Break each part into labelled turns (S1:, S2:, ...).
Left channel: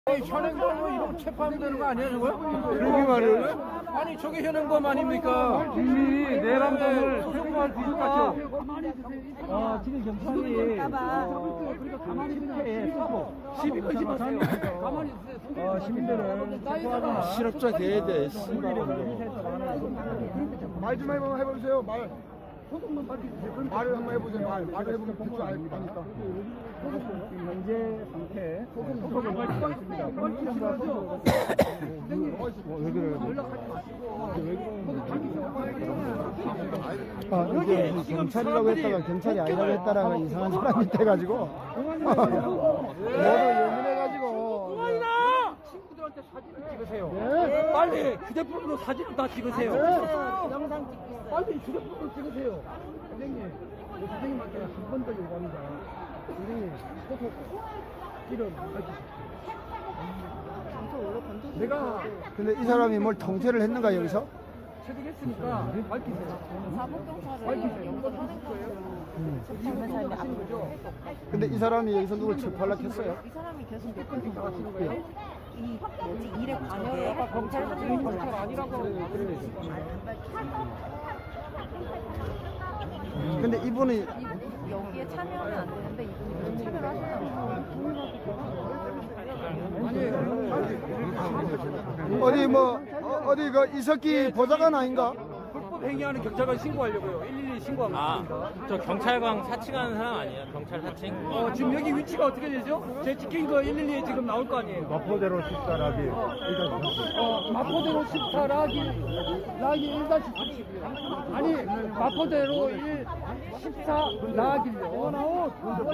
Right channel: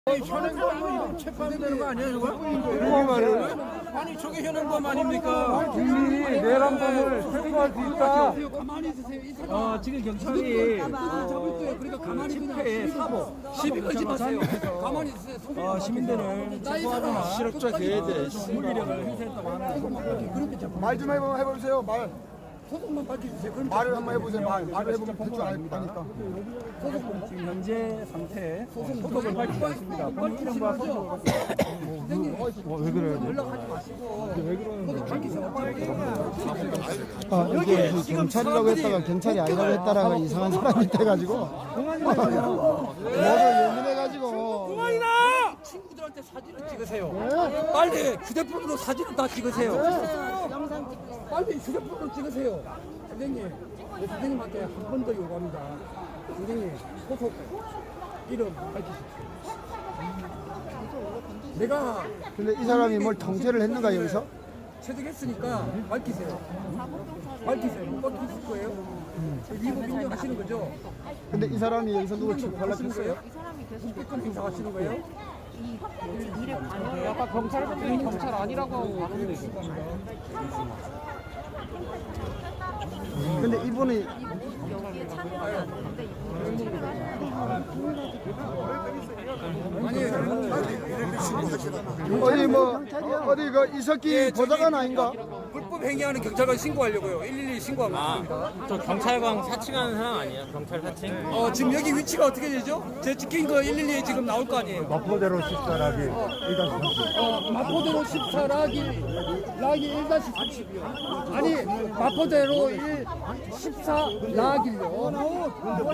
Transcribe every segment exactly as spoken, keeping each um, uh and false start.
S1: 현행범은 체포되는 거 아니에요? 이거? 아니 저게 현행범 아닙니까?
S2: 국민이 내란범을 체포할 수 있다. 어, 지금 경찰이 어, 집회에 사보
S1: 시비 걸지 마세요. 가만히 있으세요.
S2: 어, 시민들을 체포하거나
S1: 실업자 대대
S2: 물리력을 행사했다고 하는
S3: 말 좀 해보, 해보세요. 말.
S1: 소속만 밝혀주세요. 그럼
S3: 말을 한번 해보세요. 말. 말을 해보면 될줄 아닙니다.
S2: 지금 현재 상태 소속을 밝히지 않습니다. 본인 이름과 소속을
S1: 왜 그래요? 연락하지 마시고 소속 밝히세요.
S3: 아, 이게 무슨 경찰이라고 했다가 경찰이 아니라고 했다라가 이상한 사람이 돼가지고 모두 예민해가지고
S1: 친구들한테 사진을 찍으세요. 네? 빨리 휴대폰으로 사진을 다 찍으세요. 네. 빨리 휴대폰으로 찍으세요. 선생님, 선생님한테 한 번 더 요구합니다. 선생님, 소속 이름 밝히십시오. 내가
S3: 근데 이 사람이 뭘 통제를 했는가 여기서?
S1: 취직했으니까 밝히세요. 밝히세요. 못 밝히실 거예요? 위법 인정하시는 거죠?
S3: 근데 이 사람이 여기서 누굴 체포하려고 했어요?
S1: 공개권 행사하시는 거예요?
S4: 일에 관여가
S1: 검찰이 경찰 아니라고
S3: 근데 이분이
S4: 여기에 참여하지 않는데 이분은
S3: 어디 뭐 어디 그 이석기 보좌관 아닌가?
S1: 불법 행위하는 경찰관 신고하려고요. 일일이 신고하면
S5: 아,
S1: 됩니다.
S5: 저 경찰관 사칭하는 사람 아니에요? 경찰 사칭?
S1: 어, 지금 여기 위치가 어떻게 되죠? 제 찍힌 거 일일이 지금 나올 거 아니에요?
S3: 마포대로 십사라기
S1: 어, 마포대로 십사 라기 라기 일 다시 삼십이요. 아니 마포대로 일 십사 라기요. 나요.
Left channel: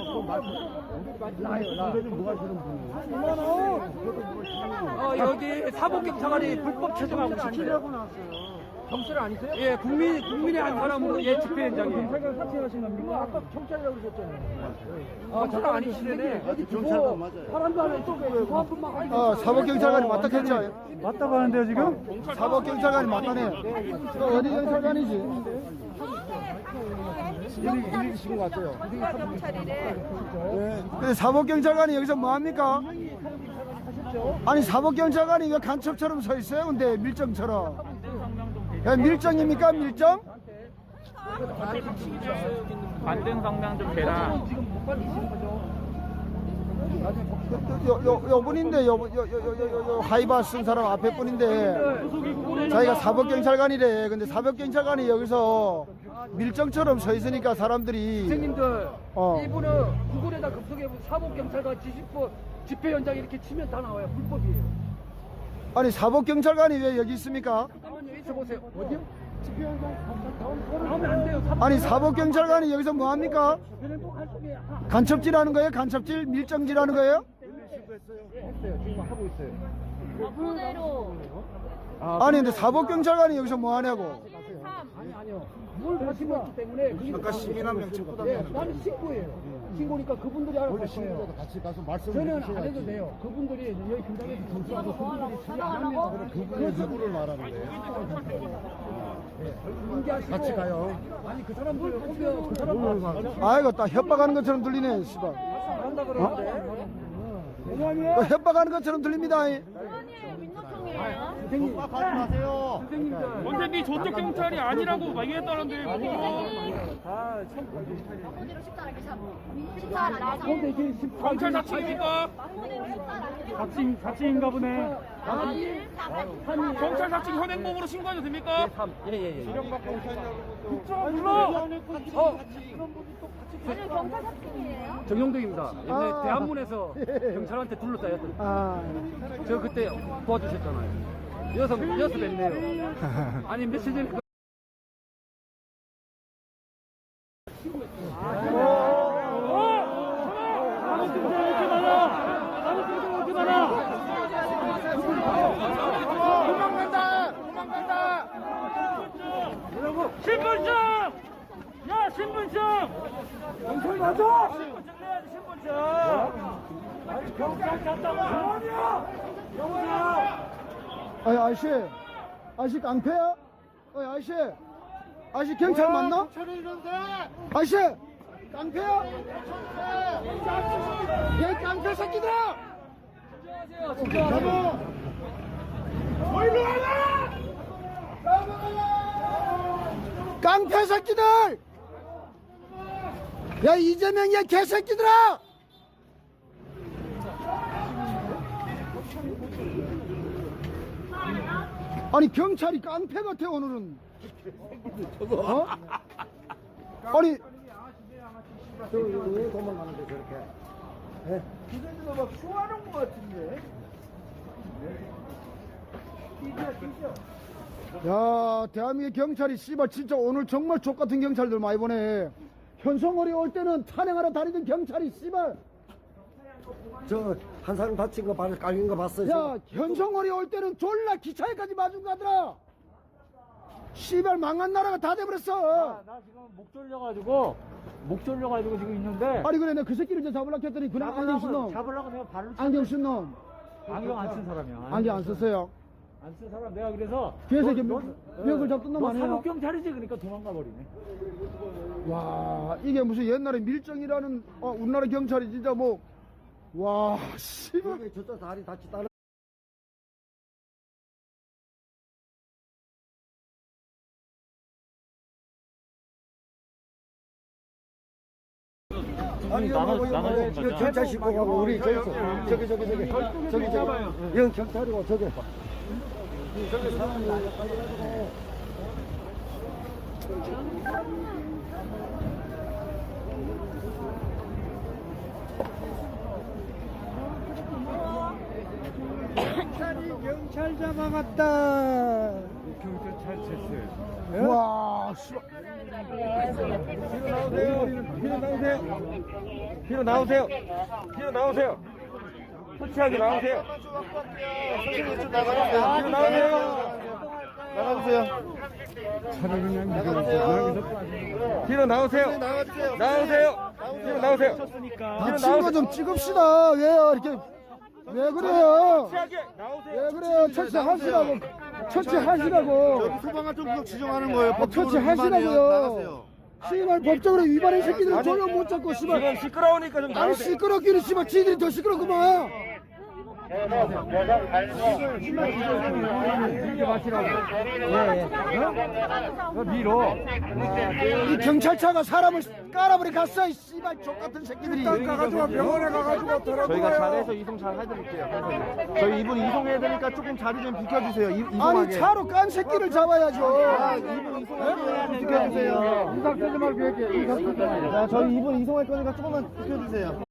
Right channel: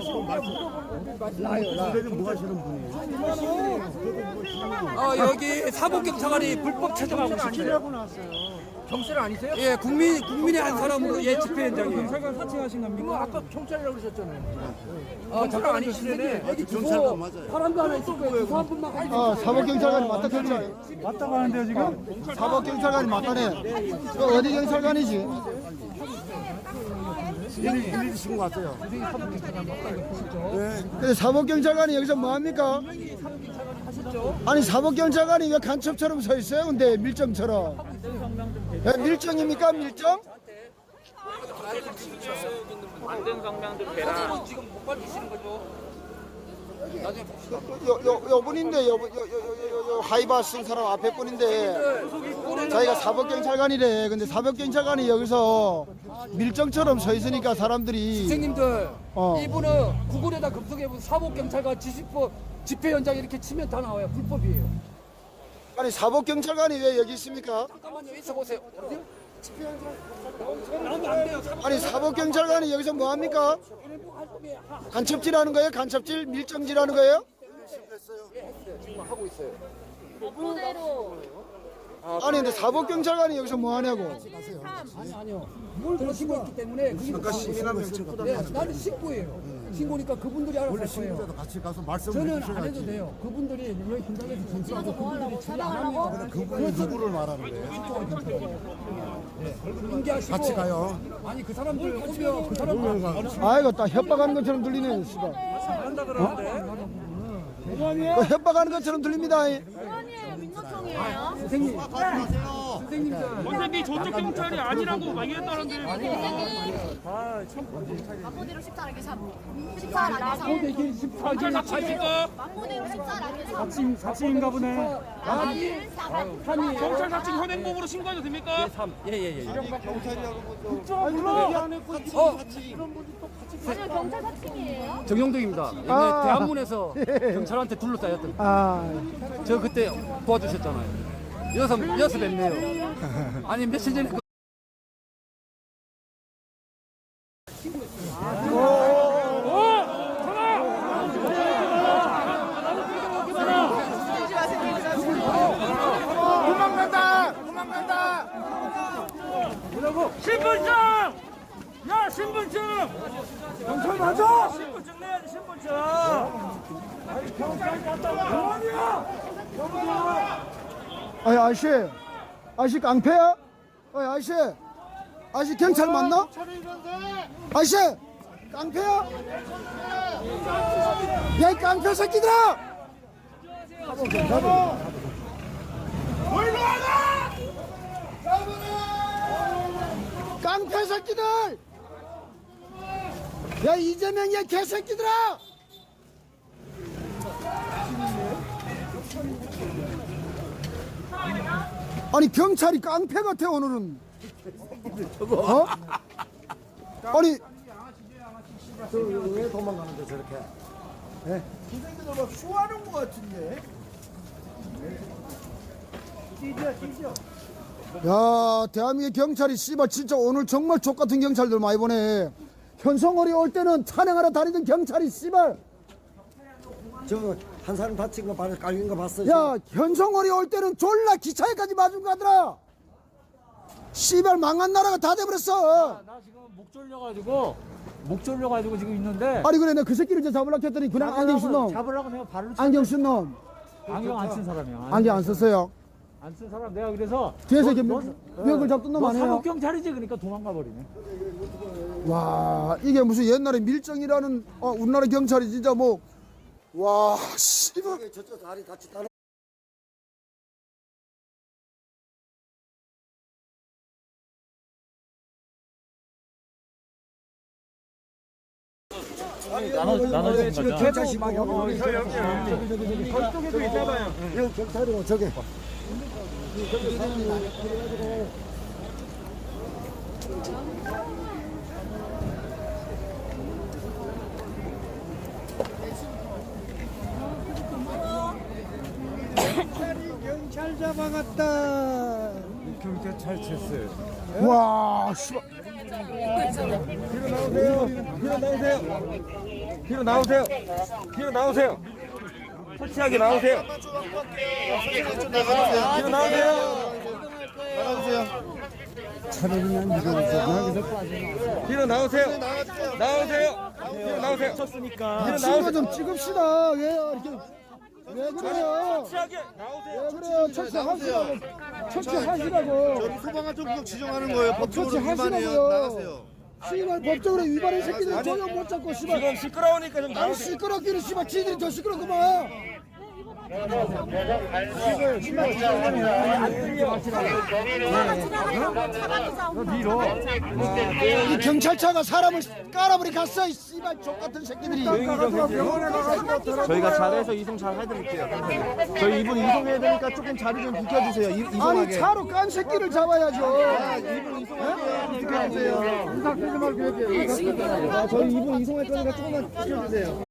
S3: 뭐 하시는 분이에요?
S1: 어, 여기 사법경찰관이 불법 체포하고 시키려고 나왔어요. 경찰 아니세요? 예, 국민 국민의 한 사람으로 예 집회 현장이에요.
S2: 경찰관 사칭하신 겁니까?
S1: 아까 경찰이라고 그러셨잖아요. 아, 잠깐 아니시네. 여기 경찰관 맞아요. 사람도 하나 있을 거예요. 한 분만 알고.
S3: 아 사법경찰관이 맞다 했죠?
S2: 맞다고 하는데요 지금?
S3: 사법경찰관이 맞다네. 그 어디 경찰관이지? 일일이 신고 왔어요. 네. 근데 사법경찰관이 여기서 뭐 합니까? 아니 사법경찰관이 왜 간첩처럼 서 있어요? 근데 밀정처럼. 야, 밀정입니까 밀정?
S5: 만든 성명 좀 대라.
S1: 소송은 지금 못 밝히시는 거죠? 나중에 봅시다.
S3: 요, 요, 요 분인데, 요, 요, 요, 요, 요, 요 하이바 쓴 사람 앞에 분인데, 자기가 사법경찰관이래. 근데 사법경찰관이 여기서 밀정처럼 서 있으니까 사람들이.
S1: 선생님들,
S3: 어.
S1: 이분은 구글에다 검색해보면 사법경찰관 지시법 집회 현장 이렇게 치면 다 나와요. 불법이에요.
S3: 아니, 사법경찰관이 왜 여기 있습니까?
S1: 잠깐만요. 있어보세요. 어디요? 집회 현장 나오면 안 돼요.
S3: 아니, 사법경찰관이 여기서 뭐 합니까?
S1: 활동에 하-
S3: 간첩질 하는 거예요? 간첩질? 밀정질 하는 거예요?
S1: 예, 했어요. 지금 하고 있어요.
S3: 아니, 근데 사법경찰관이 여기서 뭐 하냐고.
S1: 아니 아니요. 뭘 가지고 있기 때문에 거기서 다 네, 나는 신고예요. 신고니까 그분들이 알아서 할 거예요.
S3: 같이 가서 말씀을
S1: 저는 안 해도 돼요. 그분들이 여기 현장에서 진술하고 그분들이 처리 안 하면
S3: 그분이 누구를 말하는 거예요?
S1: 인계하시고
S3: 같이 가요.
S1: 아니 그 사람들 오면 그 사람들
S3: 아이고, 딱 협박하는 것처럼 들리네, 씨발.
S1: 한다 그러는데
S3: 그 협박하는 것처럼 들립니다.
S1: 선생님 선생님들
S5: 선생님 조직 경찰이 아니라고 말했다는데.
S4: 마포대로 십사 라기 삼 십사 라기 삼
S1: 고대길 십사 길
S5: 사칭입니까?
S4: 마포대로 십사 라기 삼
S2: 사칭, 사칭인가 보네.
S1: 삼이
S5: 경찰 사칭 현행범으로 신고해도 됩니까?
S1: 국정원 불러 어
S4: 경찰 사칭이에요?
S1: 정영덕입니다. 옛날에
S3: 아.
S1: 대한문에서 경찰한테 둘러싸였던
S3: 아,
S1: 저 그때 도와주셨잖아요. 여섯 여섯 뵙네요. 아니 며칠 전에 그
S2: 신분증! 야 신분증! 경찰 가자! 신분증 내야지 신분증! 아니 경찰이 왔다고 병원이야! 병원!
S3: 아니, 아저씨. 아저씨 깡패야? 아니, 아저씨. 아저씨 경찰 맞나? 아저씨! 깡패야? 야, 깡패 새끼들아! 깡패 새끼들! 야 이재명이야 개새끼들아! 아니 경찰이 깡패 같아 오늘은. 어? 아니 왜 도망가는데 저렇게? 예? 그 새끼들 막 쇼하는 것 같은데. 야 대한민국 경찰이 씨발 진짜 오늘 정말 족같은 경찰들 많이 보내. 현성월이 올 때는 찬양하러 다니던 경찰이 씨발.
S6: 저 한 사람 다친 거 발을 깔린 거 봤어요?
S3: 야 현성월이 올 때는 졸라 기차에까지 맞은 거 하더라. 씨발 망한 나라가 다 돼버렸어.
S2: 나 지금 목 졸려가지고 목 졸려가지고 지금 있는데
S3: 아니 그래 내가 그 새끼를 이제 잡으려고 했더니 그냥 안경 쓴 놈.
S6: 잡으려고 내가 발을
S3: 안경 쓴 놈.
S2: 안경 안 쓴 사람이야.
S3: 안경 안 썼어요.
S2: 안 쓴 사람 내가 그래서
S3: 뒤에서 이렇게 멱을 잡던 놈
S2: 뭐
S3: 아니에요?
S2: 사법 경찰이지 그러니까 도망가 버리네.
S3: 와 이게 무슨 옛날에 밀정이라는 어, 우리나라 경찰이 진짜 뭐 와 씨발.
S6: 저기 저쪽 다리 다치 따라
S2: 나는 나는 지금
S6: 경찰 신고 우리
S2: 저기 저기 저기 저쪽에도 있나봐요.
S6: 여기 경찰이고 저기
S3: 경찰 잡아갔다.
S2: 경찰 쳤어요.
S3: 와 씨발.
S2: 뒤로 나오세요. 뒤로 나오세요. 뒤로 나오세요. 설치하게 나오세요. 뒤로 나오세요. 뒤로 나오세요. 나오세요. 뒤로 나오세요.
S3: 다친 거 좀 찍읍시다. 왜요 이렇게 왜 그래요? 왜 그래요? 처치하시라고. 처치하시라고.
S6: 수방아 좀 구역 지정하는 거예요.
S3: 처치하시라고요. 씨발 법적으로 위반한 새끼들 조용 못 잡고 씨발.
S2: 지금 시끄러우니까 좀
S3: 아니
S2: 나오세요.
S3: 시끄럽기는 씨발 지들이 더 시끄럽구만. 이 경찰차가 사람을 깔아버리 갔어 이 씨발 족같은 새끼들이.
S6: 병원에 가가지고
S2: 저희가 잘해서 이송 잘 해드릴게요. 저희 이분 이송해야 되니까 조금 자리 좀 비켜주세요. 이,
S3: 아니
S2: 이송하게.
S3: 차로 깐 새끼를 잡아야죠.
S2: 이분 이송할게요. 비켜주세요. 저희 이분 이송할 거니까 조금만 비켜주세요.